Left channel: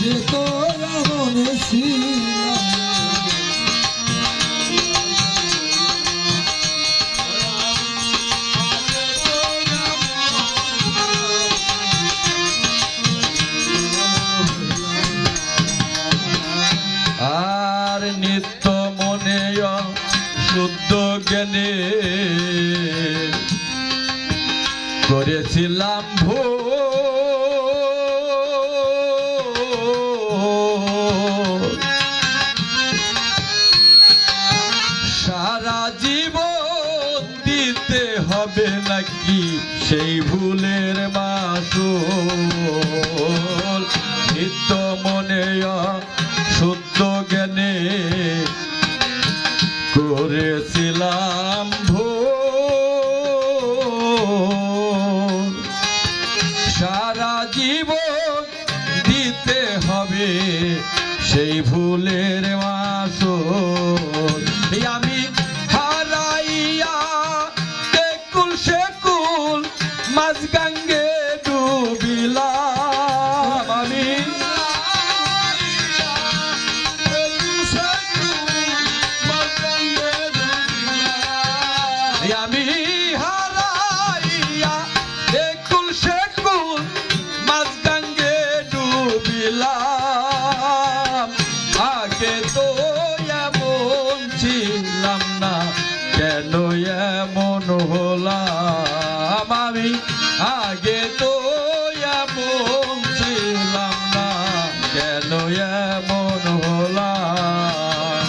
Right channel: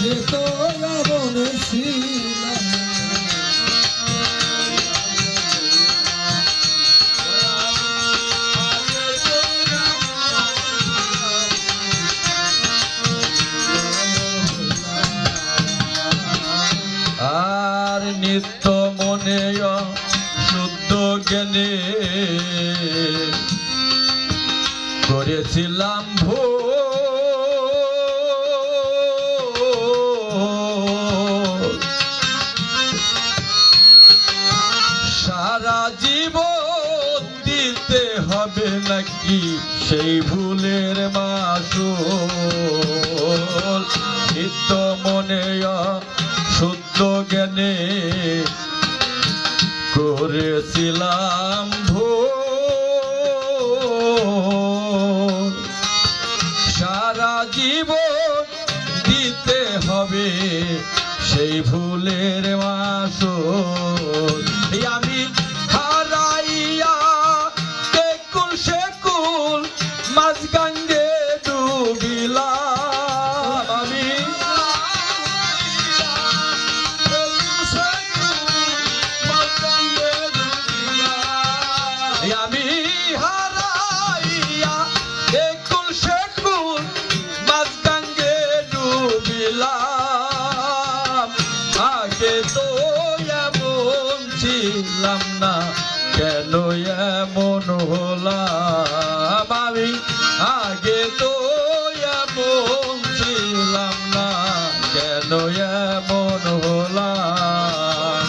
আগে তো এমন ছিলাম আর নিত্য মনে শুদ্ধ জ্ঞানে করেছিলাম সারা জীবন দিতে হবে নাকি সেই ভুলের মাসুল নিত্য মনে শুদ্ধ জ্ঞানে করেছিলাম ভুল সারা জীবন দিতে হবে সেই ভুলের মাসুল আমি হারাইয়া একুল সেকুল মাঝ গঙ্গে ডুবিলাম আমি হারাইয়া একুল সেকুল মাঝ গঙ্গে ডুবিলাম আগে তো এমন ছিলাম না কেন এমন হলাম আমি আগে তো এমন ছিলাম না কেন এমন হলাম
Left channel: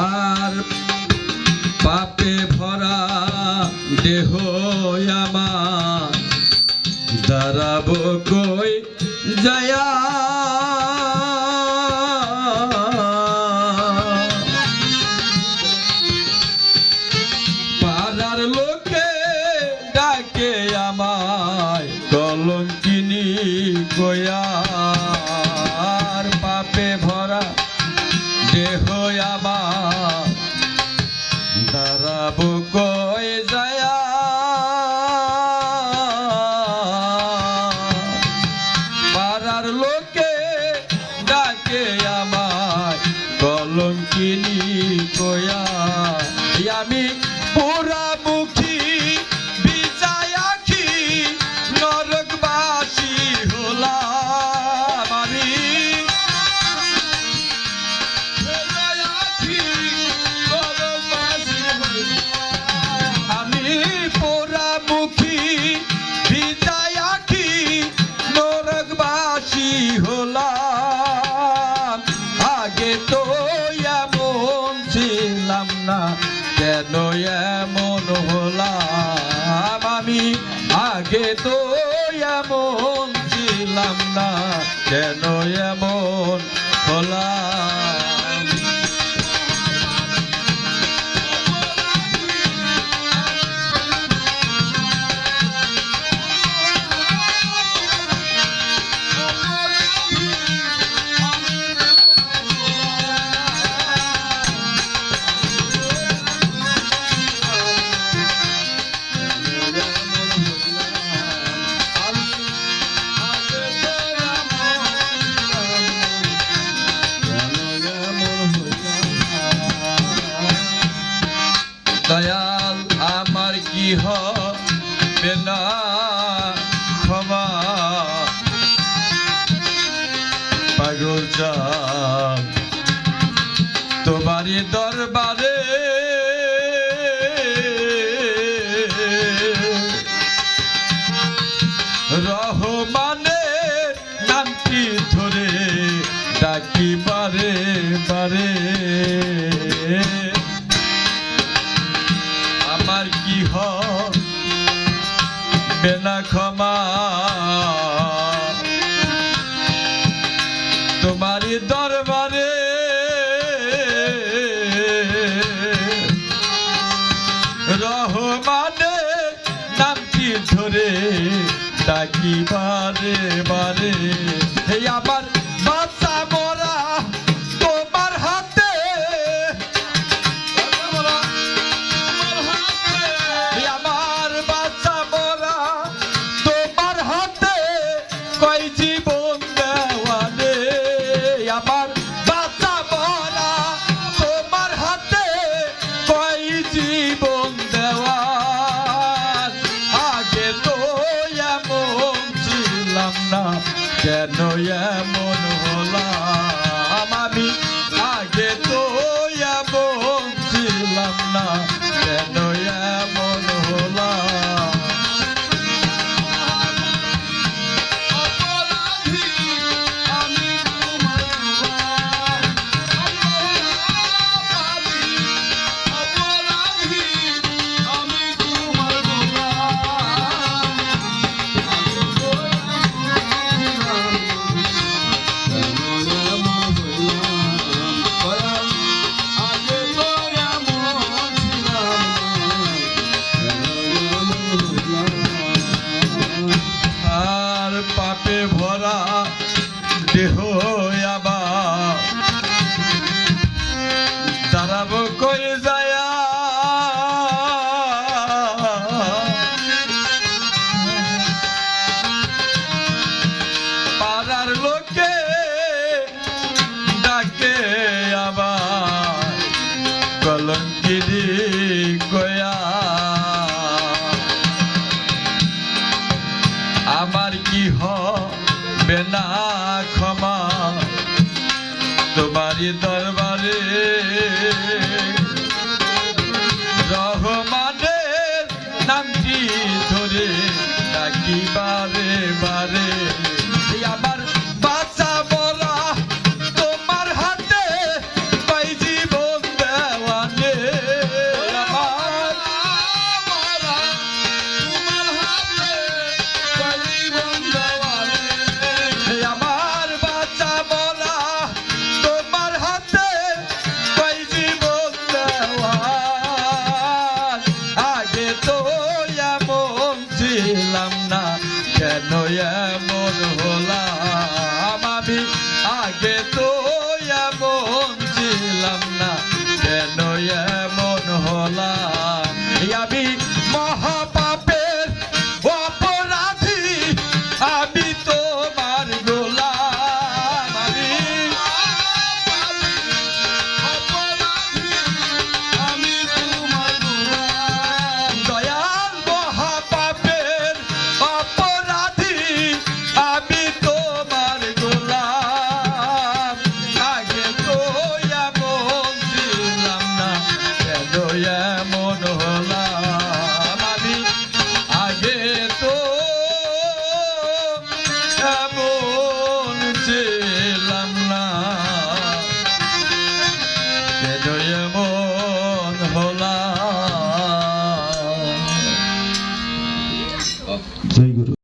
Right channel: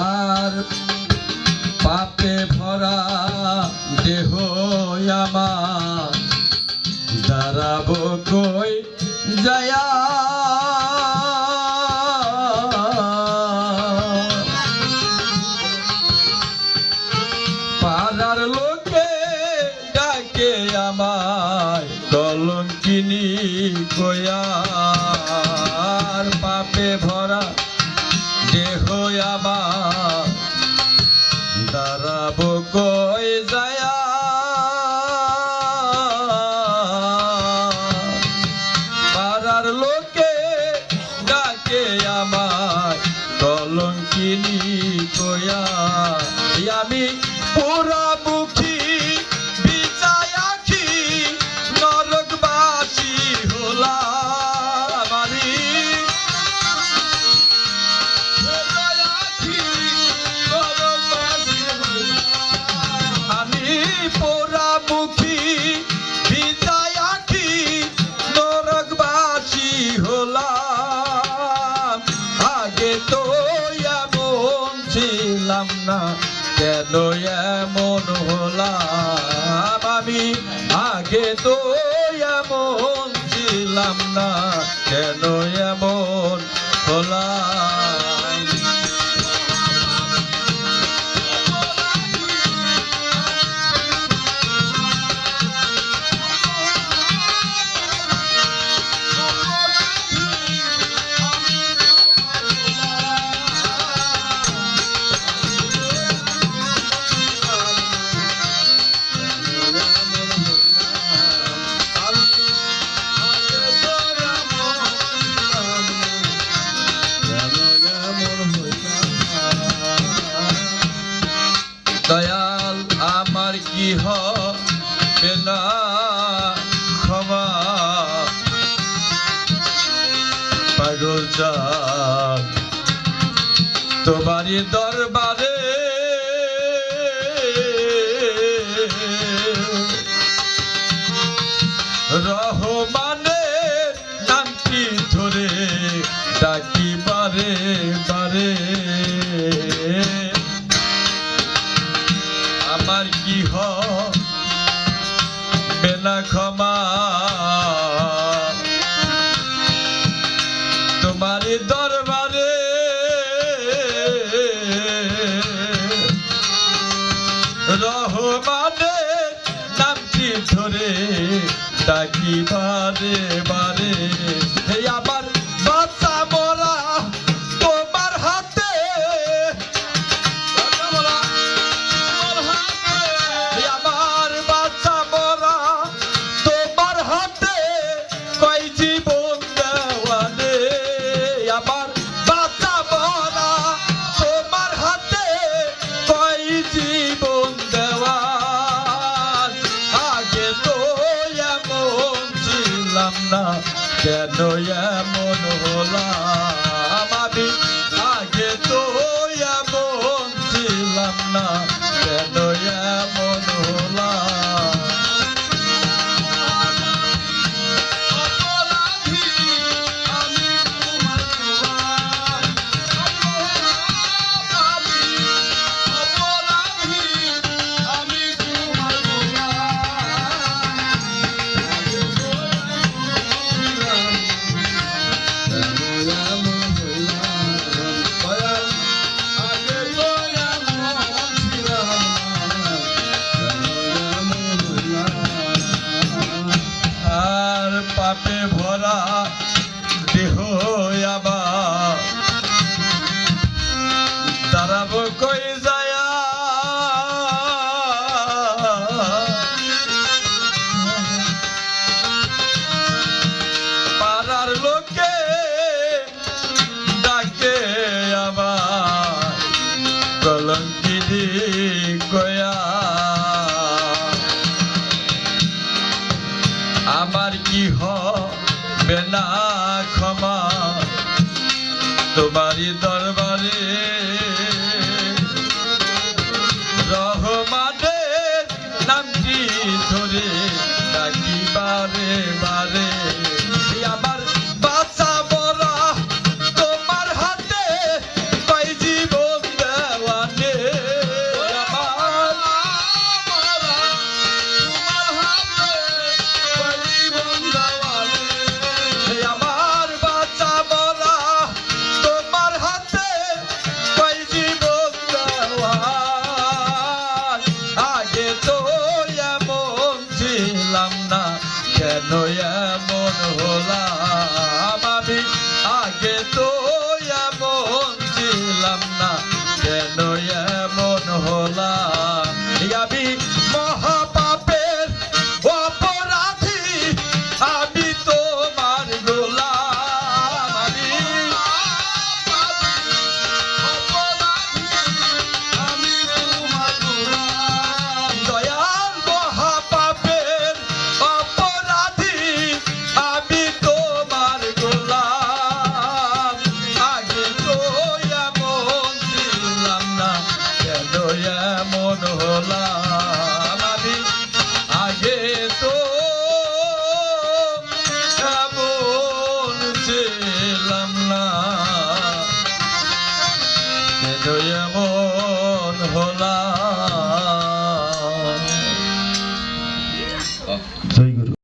আর পাপে ভরা দেহ আমার দাঁড়াবো কই জয়া পাড়ার লোকে ডাকে আমায় কলঙ্কিনী কয়া পাপে ভরা দেহ আমার দাঁড়াবো কই জয়া পাড়ার লোকে ডাকে আমায় কলঙ্কিনী কয়া আমি পোড়ামুখী বিজয় আখি নরকবাসী হলাম আমি পোড়ামুখী বিজয় আখি নরকবাসী হলাম আগে তো এমন ছিলাম না কেন এমন হলাম আমি আগে তো এমন ছিলাম না কেন এমন হলাম দয়াল আমার কি হবে না ক্ষমা পাগল চাঁদ তোমারই দরবারে রহমানের নামটি ধরে ডাকি বারে বারে আমার কি হবে না ক্ষমা ডাকি বারে বারে এই আমার বাচ্চা মোরা তোমার হাতে এই আমার বাচ্চা মোরা তোমার হাতে কই জীবন দেওয়ালে আমার বাচ্চা মোরা তোমার হাতে কই জীবন দেওয়া আগে তো এমন ছিলাম না কেন এমন হলাম আমি আগে তো এমন ছিলাম না কেন এমন হলাম আর পাপে ভরা দেহ আবার দাঁড়াব কই যায়া পাড়ার লোকে ডাকে আবার কলঙ্কিনী কয়া আমার কি হবে না ক্ষমা তোমারই দরবারে রহমানের নামটি ধরে ডাকি বারে বারে আমার বাচ্চা বলা তোমার হাতে কই জীবন দেওয়ানে আমার আমার বাচ্চা বলা তোমার হাতে কই জীবন দেওয়া আগে তো এমন ছিলাম না কেন এমন হলাম আমি আগে তো এমন ছিলাম না কেন এমন হলাম আমি মহাপাপের অপরাধী আমি তোমার গোলাম দয়াল মহাপাপের অপরাধী আমি তোমার গোলাম আগে তো এমন ছিলাম না কেন এমন হলাম আমি আগে তো এমন